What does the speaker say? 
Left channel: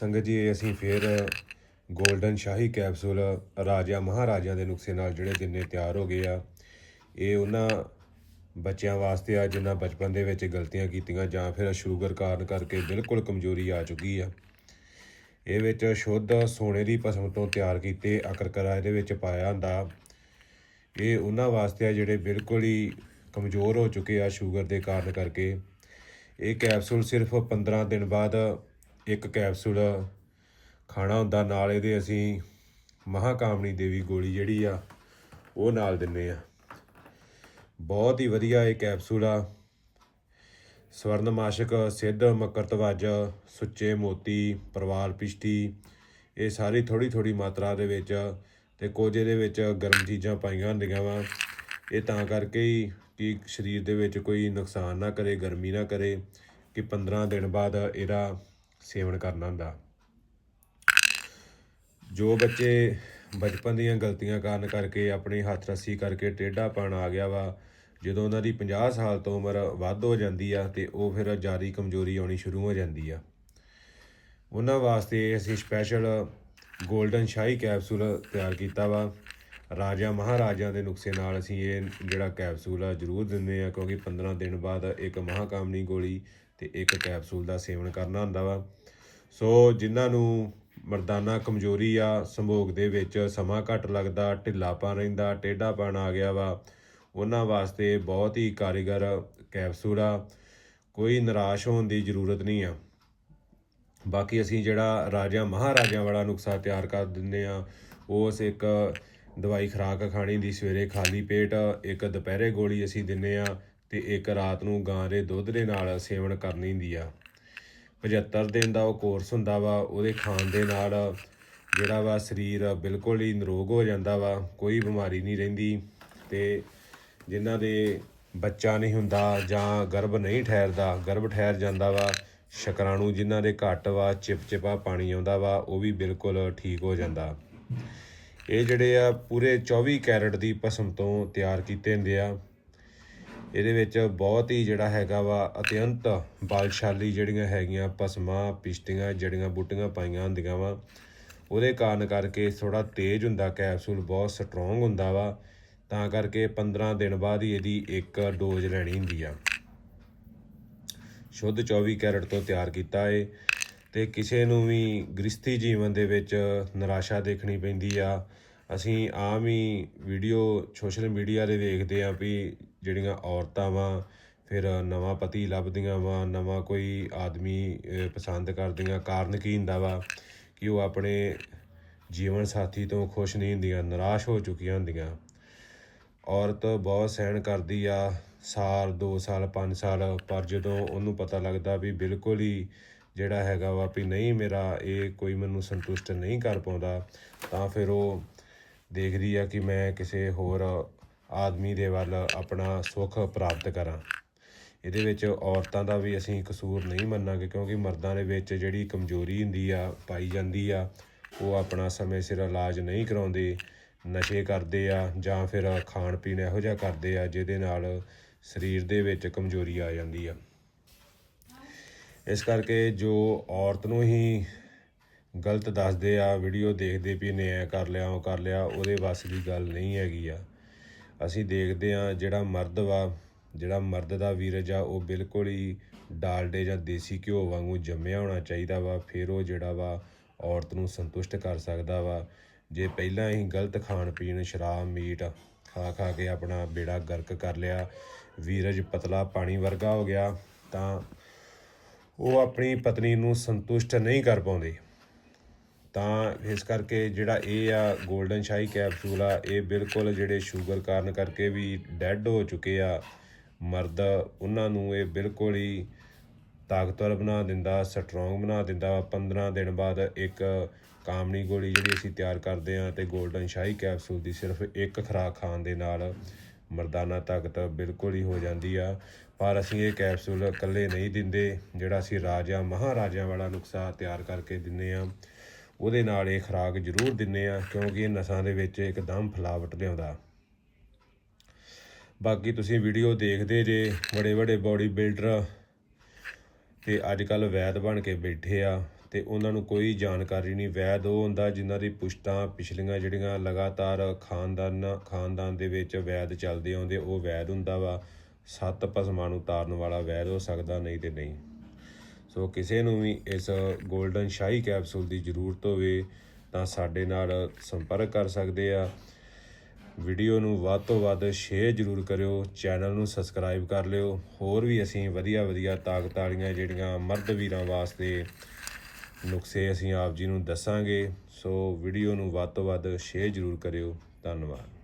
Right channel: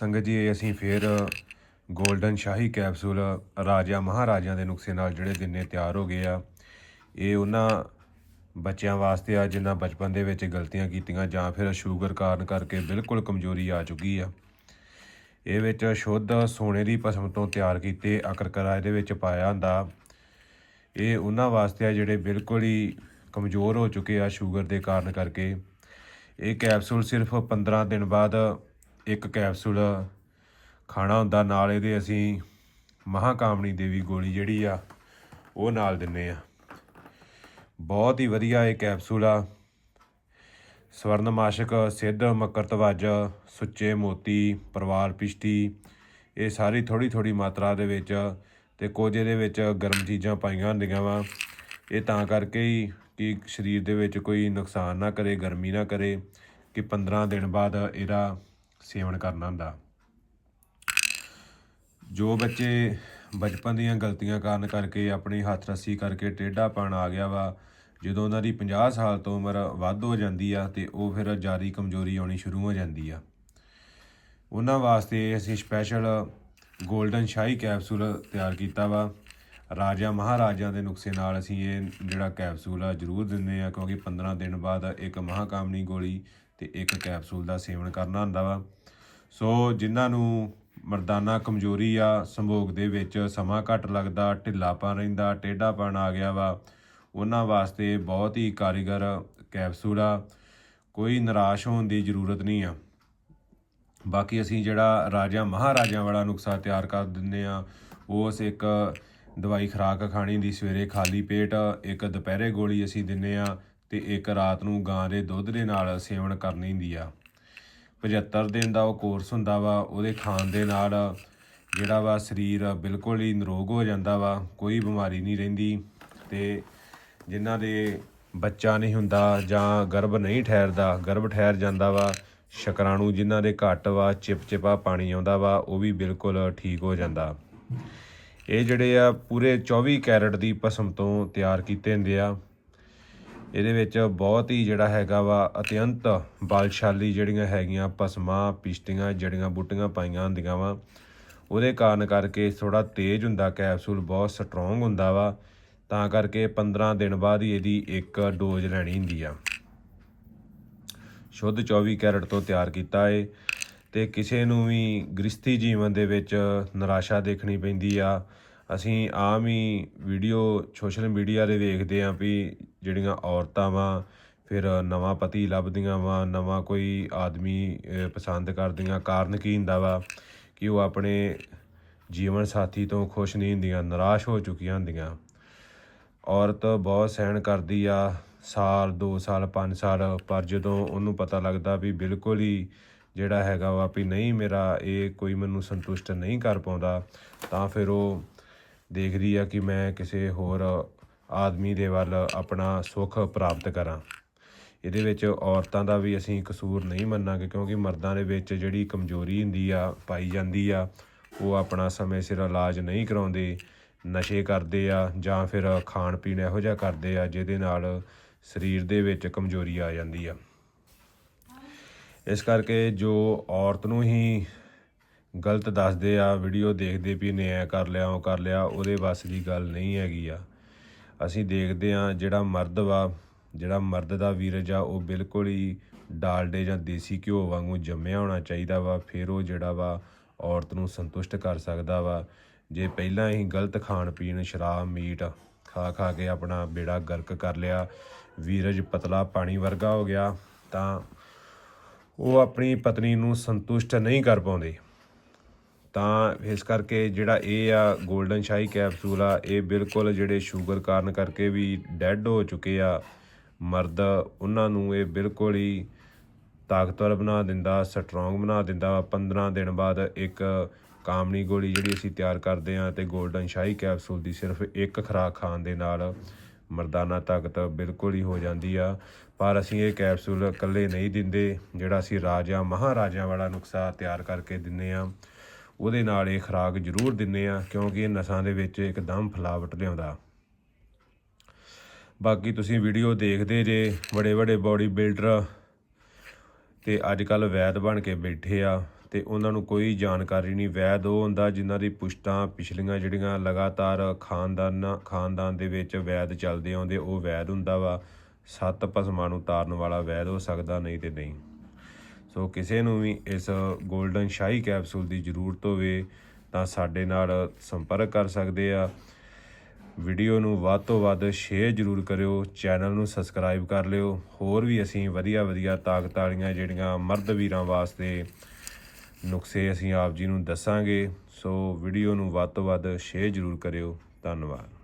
ਸੰਗਤ ਜੀ, ਅਸੀਂ ਫੇਰ ਗੋਲਡਨ ਸ਼ਾਹੀ ਕੈਪਸੂਲ ਰਾਜਾ ਮਹਾਰਾਜਾ ਦੇ ਨੁਕਸੇ ਨਾਲ ਜਿਹੜੇ ਦਿਨੇ ਤਿਆਰ ਹੋ ਗਏ ਆ, ਇਹ ਉਹਨਾਂ ਬੱਚਿਆਂ ਵਾਸਤੇ ਆ ਜਿਨ੍ਹਾਂ ਬਚਪਨ ਦੇ ਵਿੱਚ ਗਲਤੀਆਂ ਕੀਤੀਆਂ ਜਾਂ ਫਿਰ ਸ਼ੂਗਰ ਕਾਰਨ ਕਰਕੇ ਬਿਲਕੁਲ ਕਮਜ਼ੋਰੀ ਆ ਚੁੱਕੀ ਆ। ਇਹ ਵਿੱਚ ਸ਼ੁੱਧ ਸੋਨੇ ਦੀ ਭਸਮ ਤੋਂ ਤਿਆਰ ਕੀਤੇ ਅਕਰਕਰਾ ਇਹਦੇ ਵਿੱਚ ਪਾਇਆ ਹੁੰਦਾ। ਇਹ ਉਹਨਾਂ ਵਾਸਤੇ ਆ ਜਿਹੜੇ ਬਿਲਕੁਲ ਹੀ ਕਮਜ਼ੋਰ ਹੋ ਚੁੱਕੇ ਆ ਸ਼ੂਗਰ ਦੇ ਕਾਰਨ ਕਰਕੇ। ਇਹ ਕੈਪਸੂਲ ਸਿਰਫ 15 ਦਿਨ ਬਾਅਦ ਇੱਕ ਕੈਪਸੂਲ ਖਾਣਾ ਹੁੰਦਾ, ਨਾਲ ਇਹਦੇ ਅਸੀਂ ਮਹਾਕਾਮਣੀ ਦੇਵੀ ਗੋਲੀ ਜਿਹੜੀ ਆ, ਉਹ ਨਾਲ ਦਿੰਨੇ ਆ। ਬਹੁਤ ਹੀ ਵਧੀਆ ਇਹ ਕੈਪਸੂਲ ਆ। ਸਵਰਨਮਾਸ਼ਕ, ਸਿੱਧ, ਮਕਰਤਵਜ, ਸੁੱਚੇ ਮੋਤੀ ਪਰਵਾਲ ਪਿਸ਼ਟੀ ਇਹ ਸਾਰੀ ਥੋੜੀ ਥੋੜੀ ਮਾਤਰਾ ਦੇ ਵਿੱਚ ਤੇ ਕੁਝ ਇਹਦੇ ਵਿੱਚ ਗਰਮ ਚੀਜ਼ਾਂ ਪਾਈਆਂ ਹੁੰਦੀਆਂ ਵਾ। ਇਹ ਤਾਂ ਕਰਕੇ ਹੀ ਕਿ ਸਰੀਰ ਦੇ ਵਿੱਚ ਕੋਈ ਨੁਕਸਾਨ ਨਾ ਕਰੇ, ਗਰਮੀ ਨਾ ਕਰੇ ਕਿ 15 ਦਿਨ ਬਾਅਦ ਇਹਦਾ ਸੇਵਨ ਕਰਨਾ ਹੁੰਦਾ। ਜੋ ਬੱਚੇ ਬਚਪਨ ਦੀਆਂ ਗਲਤੀਆਂ ਕਾਰਨ ਕਰਕੇ ਆਪਣੀ ਹੱਥ ਰੱਸੀ ਕਰਕੇ ਟੇਢਾਪਣ ਆ ਗਿਆ ਵਾ, ਜਦੋਂ ਉਹਨਾਂ ਦੀ 50 ਸਾਲ ਤੋਂ ਉਮਰ ਵੱਧ ਹੋ ਜਾਂਦੀ ਆ ਤੇ ਉਹ ਫਿਰ ਜ਼ਿਆਦਾ ਕਮਜ਼ੋਰੀ ਆਉਣੀ ਸ਼ੁਰੂ ਹੋ ਜਾਂਦੀ ਆ। ਉਹਨਾਂ ਵਾਸਤੇ ਅਸੀਂ ਸਪੈਸ਼ਲ 골ਡਨ ਸ਼ਾਹੀ ਕੈਪਸੂਲ ਤਿਆਰ ਕੀਤਾ ਵਾ। ਰਾਜਾ ਮਹਾਰਾਜਾ ਦੇ ਨੁਕਸੇ ਨਾਲ ਅਸੀਂ ਇਹ ਜਿਹੜਾ ਕੈਪਸੂਲ ਆ ਜ਼ਰੂਰ ਦਿੰਦੇ ਆ, ਕਿਉਂਕਿ 15 ਦਿਨ ਬਾਅਦ ਇੱਕ ਮਹਾਕਾਮਨੀ ਗੋਲੀ ਤੇ ਇੱਕ ਕੈਪਸੂਲ ਦਾ ਸੇਵਨ ਕਰਨਾ ਹੁੰਦਾ ਵਾ। ਸੋ ਜਿਨ੍ਹਾਂ ਨੂੰ ਮਰਦਾਨਾ ਕਮਜ਼ੋਰੀ ਆ, ਸੰਭੋਗ ਦੇ ਵਿੱਚ ਸਮਾਂ ਘੱਟ ਲੱਗਦਾ ਢਿੱਲਾਪਨ ਰਹਿੰਦਾ ਟੇਢਾਪਨ ਆ ਗਿਆ ਵਾ, ਉਹਨਾਂ ਵਾਸਤੇ ਬਹੁਤ ਹੀ ਕਾਰੀਗਰ ਕੈਪਸੂਲ ਆ। ਕੋਈ ਨਿਰਾਸ਼ ਹੋਣ ਦੀ ਜ਼ਰੂਰਤ ਨਹੀਂ ਆ। ਬਾਕੀ ਅਸੀਂ ਜਿਹੜਾ ਰਾਜਾ ਮਹਾਰਾਜਾ ਵਾਲਾ ਨੁਕਸਾ ਤਿਆਰ ਕਰ ਦਿੰਦੇ ਆ ਉਸ ਇੱਕ ਦਵਾਈ ਖੁਰਾਕ ਖਾਣੀ ਦੀ ਸਵੇਰੇ ਖਾਲੀ ਪੇਟ, ਇੱਕ ਦੁਪਹਿਰੇ ਗੋਲੀ ਅਸੀਂ ਦਿੰਨੇ ਆ ਤੇ ਇੱਕ ਰਾਤ ਨੂੰ ਗਾਂ ਦੇ ਦੁੱਧ ਦੇ ਨਾਲ ਸੇਵਨ ਕਰਨੀ ਹੁੰਦੀ ਆ। 75 ਦਿਨ ਦਾ ਉਹ ਕੋਰਸ ਹੁੰਦਾ ਵਾ, ਉਹਦੇ ਖਾਣ ਦੇ ਨਾਲ ਜਿਹੜਾ ਵਾ ਸਰੀਰ ਬਿਲਕੁਲ ਹੀ ਨਿਰੋਗ ਹੋ ਜਾਂਦਾ ਵਾ, ਕੋਈ ਬਿਮਾਰੀ ਨਹੀਂ ਰਹਿੰਦੀ ਤੇ ਜਿਨ੍ਹਾਂ ਦੇ ਬੱਚਾ ਨਹੀਂ ਹੁੰਦਾ ਜਾਂ ਗਰਭ ਨਹੀਂ ਠਹਿਰਦਾ, ਗਰਭ ਠਹਿਰ ਜਾਂਦਾ ਵਾ, ਸ਼ੁਕਰਾਣੂ ਜਿਨ੍ਹਾਂ ਦੇ ਘੱਟ ਵਾ, ਚਿਪਚਿਪਾ ਪਾਣੀ ਆਉਂਦਾ ਵਾ, ਉਹ ਵੀ ਬਿਲਕੁਲ ਠੀਕ ਹੋ ਜਾਂਦਾ। ਇਹ ਜਿਹੜੇ ਆ ਪੂਰੇ 24 ਕੈਰਟ ਦੀ ਭਸਮ ਤੋਂ ਤਿਆਰ ਕੀਤੇ ਹੁੰਦੇ ਆ। ਇਹਦੇ ਵਿੱਚ ਬਹੁਤ ਹੀ ਜਿਹੜਾ ਹੈਗਾ ਵਾ ਅਤਿਅੰਤ ਬਲਸ਼ਾਲੀ ਜਿਹੜੀਆਂ ਹੈਗੀਆਂ ਪਸਮਾਂ ਪਿਸ਼ਟੀਆਂ, ਜੜੀਆਂ ਬੂਟੀਆਂ ਪਾਈਆਂ ਹੁੰਦੀਆਂ ਵਾ। ਉਹਦੇ ਕਾਰਨ ਕਰਕੇ ਥੋੜਾ ਤੇਜ਼ ਹੁੰਦਾ, ਕੈਪਸੂਲ ਬਹੁਤ ਸਟਰੋਂਗ ਹੁੰਦਾ ਵਾ। ਤਾਂ ਕਰਕੇ 15 ਦਿਨ ਬਾਅਦ ਹੀ ਇਹਦੀ ਇੱਕ ਡੋਜ਼ ਲੈਣੀ ਹੁੰਦੀ ਆ। ਸ਼ੁੱਧ 24 ਕੈਰਟ ਤੋਂ ਤਿਆਰ ਕੀਤਾ ਏ ਤੇ ਕਿਸੇ ਨੂੰ ਵੀ ਗ੍ਰਸਥੀ ਜੀਵਨ ਦੇ ਵਿੱਚ ਨਿਰਾਸ਼ਾ ਦੇਖਣੀ ਪੈਂਦੀ ਆ। ਅਸੀਂ ਆਮ ਹੀ ਵੀਡੀਓ ਸੋਸ਼ਲ ਮੀਡੀਆ ਦੇ ਵੇਖਦੇ ਆਂ ਵੀ ਜਿਹੜੀਆਂ ਔਰਤਾਂ ਵਾ, ਫਿਰ ਨਵਾਂ ਪਤੀ ਲੱਭਦੀਆਂ ਵਾ, ਨਵਾਂ ਕੋਈ ਆਦਮੀ ਪਸੰਦ ਕਰਦੀਆਂ। ਕਾਰਨ ਕੀ ਹੁੰਦਾ ਵਾ? ਕਿ ਉਹ ਆਪਣੇ ਜੀਵਨ ਸਾਥੀ ਤੋਂ ਖੁਸ਼ ਨਹੀਂ ਹੁੰਦੀਆਂ, ਨਿਰਾਸ਼ ਹੋ ਚੁੱਕੀਆਂ ਹੁੰਦੀਆਂ। ਔਰਤ ਬਹੁਤ ਸਹਿਣ ਕਰਦੀ ਆ, ਸਾਲ 2 ਸਾਲ 5 ਸਾਲ, ਪਰ ਜਦੋਂ ਉਹਨੂੰ ਪਤਾ ਲੱਗਦਾ ਵੀ ਬਿਲਕੁਲ ਹੀ ਜਿਹੜਾ ਹੈਗਾ ਵਾ ਵੀ ਨਹੀਂ, ਮੇਰਾ ਇਹ ਕੋਈ ਮੈਨੂੰ ਸੰਤੁਸ਼ਟ ਨਹੀਂ ਕਰ ਪਾਉਂਦਾ, ਤਾਂ ਫਿਰ ਉਹ ਦੇਖਦੀ ਆ ਕਿ ਮੈਂ ਕਿਸੇ ਹੋਰ ਆਦਮੀ ਦੇ ਵੱਲ ਆਪਣਾ ਸੁੱਖ ਪ੍ਰਾਪਤ ਕਰਾਂ। ਇਹਦੇ ਵਿੱਚ ਔਰਤਾਂ ਦਾ ਵੀ ਅਸੀਂ ਕਸੂਰ ਨਹੀਂ ਮੰਨਾਂਗੇ, ਕਿਉਂਕਿ ਮਰਦਾਂ ਦੇ ਵਿੱਚ ਜਿਹੜੀ ਕਮਜ਼ੋਰੀ ਹੁੰਦੀ ਆ, ਪਾਈ ਜਾਂਦੀ ਆ, ਉਹ ਆਪਣਾ ਸਮੇਂ ਸਿਰ ਇਲਾਜ ਨਹੀਂ ਕਰਾਉਂਦੇ। ਨਸ਼ੇ ਕਰਦੇ ਆ ਜਾਂ ਫਿਰ ਖਾਣ ਪੀਣ ਇਹੋ ਜਿਹਾ ਕਰਦੇ ਆ, ਜਿਹਦੇ ਨਾਲ ਸਰੀਰ ਦੇ ਵਿੱਚ ਕਮਜ਼ੋਰੀ ਆ ਜਾਂਦੀ ਆ। ਇਸ ਕਰਕੇ ਜੋ ਔਰਤ ਨੂੰ ਹੀ ਗਲਤ ਦੱਸਦੇ ਆ ਵੀਡੀਓ ਦੇਖਦੇ ਵੀ ਨੇ, ਐ ਕਰ ਲਿਆ, ਉਹ ਕਰ ਲਿਆ, ਉਹਦੇ ਬਸ ਦੀ ਗੱਲ ਨਹੀਂ ਹੈਗੀ ਆ। ਅਸੀਂ ਦੇਖਦੇ ਆ ਜਿਹੜਾ ਮਰਦ ਵਾ, ਜਿਹੜਾ ਮਰਦ ਦਾ ਵੀਰਜ ਆ, ਉਹ ਬਿਲਕੁਲ ਹੀ ਡਾਲਡੇ ਜਾਂ ਦੇਸੀ ਘਿਓ ਵਾਂਗੂ ਜੰਮਿਆ ਹੋਣਾ ਚਾਹੀਦਾ ਵਾ, ਫਿਰ ਉਹ ਜਿਹੜਾ ਵਾ ਔਰਤ ਨੂੰ ਸੰਤੁਸ਼ਟ ਕਰ ਸਕਦਾ ਵਾ। ਜੇ ਪਹਿਲਾਂ ਹੀ ਗਲਤ ਖਾਣ ਪੀਣ, ਸ਼ਰਾਬ, ਮੀਟ ਖਾ ਖਾ ਕੇ ਆਪਣਾ ਬੇੜਾ ਗਰਕ ਕਰ ਲਿਆ, ਵੀਰਜ ਪਤਲਾ ਪਾਣੀ ਵਰਗਾ ਹੋ ਗਿਆ, ਤਾਂ ਉਹ ਆਪਣੀ ਪਤਨੀ ਨੂੰ ਸੰਤੁਸ਼ਟ ਨਹੀਂ ਕਰ ਪਾਉਂਦੇ। ਤਾਂ ਇਸ ਕਰਕੇ ਜਿਹੜਾ ਇਹ ਆ 골ਡਨ ਸ਼ਾਹੀ ਕੈਪਸੂਲ ਆ, ਇਹ ਬਿਲਕੁਲ ਜਿਹੜੇ ਸ਼ੂਗਰ ਕਾਰਨ ਕਰਕੇ ਵੀ ਡੈੱਡ ਹੋ ਚੁੱਕੇ ਆ। ਮਰਦ ਉਹਨਾਂ ਨੂੰ ਇਹ ਬਿਲਕੁਲ ਹੀ ਤਾਕਤਵਰ ਬਣਾ ਦਿੰਦਾ ਸਟਰੋਂਗ ਬਣਾ ਦਿੰਦਾ। ਵਾ 15 ਦਿਨ ਬਾਅਦ ਇੱਕ ਕਾਮਨੀ ਗੋਲੀ ਜਿਹੜੀ ਅਸੀਂ ਤਿਆਰ ਕਰਦੇ ਆ ਤੇ 골ਡਨ ਸ਼ਾਹੀ ਕੈਪਸੂਲ ਦੀ ਸਿਰਫ ਇੱਕ ਖੁਰਾਕ ਖਾਣ ਦੇ ਨਾਲ ਮਰਦਾਨਾ ਤਾਕਤ ਬਿਲਕੁਲ ਹੀ ਹੋ ਜਾਂਦੀ ਆ। ਪਰ ਅਸੀਂ ਇਹ ਕੈਪਸੂਲ ਇਕੱਲੇ ਨਹੀਂ ਦਿੰਦੇ, ਜਿਹੜਾ ਅਸੀਂ ਰਾਜਾ ਮਹਾਰਾਜਾ ਵਾਲਾ ਨੁਕਸਾ ਤਿਆਰ ਕਰਕੇ ਦਿੰਨੇ ਆ ਉਹਦੇ ਨਾਲ ਇਹ ਖੁਰਾਕ ਜ਼ਰੂਰ ਦਿੰਨੇ ਆ ਕਿਉਂਕਿ ਇਹ ਨਸਾਂ ਦੇ ਵਿੱਚ ਇੱਕਦਮ ਫਲਾਵਟ ਲਿਆਉਂਦਾ। ਬਾਕੀ ਤੁਸੀਂ ਵੀਡੀਓ ਦੇਖਦੇ ਜੇ ਬੜੇ ਬੜੇ ਬਾਡੀ ਬਿਲਡਰ ਤੇ ਅੱਜ ਕੱਲ ਵੈਦ ਬਣ ਕੇ ਬੈਠੇ ਆ, ਤੇ ਉਹਨਾਂ ਨੂੰ ਕੋਈ ਜਾਣਕਾਰੀ ਨਹੀਂ। ਵੈਦ ਉਹ ਹੁੰਦਾ ਜਿਨ੍ਹਾਂ ਦੀ ਪੁਸ਼ਤਾਂ ਪਿਛਲੀਆਂ ਜਿਹੜੀਆਂ ਲਗਾਤਾਰ ਖਾਨਦਾਨ ਖਾਨਦਾਨ ਦੇ ਵਿੱਚ ਵੈਦ ਚੱਲਦੇ ਆਉਂਦੇ, ਉਹ ਵੈਦ ਹੁੰਦਾ ਵਾ। ਸੱਤ ਭਸਮਾਂ ਨੂੰ ਤਾਰਨ ਵਾਲਾ ਵੈਦ ਹੋ ਸਕਦਾ, ਨਹੀਂ ਤੇ ਨਹੀਂ। ਸੋ ਕਿਸੇ ਨੂੰ ਵੀ ਇਸ 골ਡਨ ਸ਼ਾਹੀ ਕੈਪਸੂਲ ਦੀ ਜ਼ਰੂਰਤ ਹੋਵੇ ਤਾਂ ਸਾਡੇ ਨਾਲ ਸੰਪਰਕ ਕਰ ਸਕਦੇ ਆ। ਵੀਡੀਓ ਨੂੰ ਵੱਧ ਤੋਂ ਵੱਧ ਸ਼ੇਅਰ ਜ਼ਰੂਰ ਕਰਿਓ, ਚੈਨਲ ਨੂੰ ਸਬਸਕ੍ਰਾਈਬ ਕਰ ਲਿਓ। ਹੋਰ ਵੀ ਅਸੀਂ ਵਧੀਆ ਵਧੀਆ ਤਾਕਤ ਵਾਲੀਆਂ ਜਿਹੜੀਆਂ ਮਰਦ ਵੀਰਾਂ ਵਾਸਤੇ ਨੁਕਸੇ ਅਸੀਂ ਆਪ ਜੀ ਨੂੰ ਦੱਸਾਂਗੇ। ਸੋ ਵੀਡੀਓ ਨੂੰ ਵੱਧ ਤੋਂ ਵੱਧ ਸ਼ੇਅਰ ਜ਼ਰੂਰ ਕਰਿਓ। ਧੰਨਵਾਦ।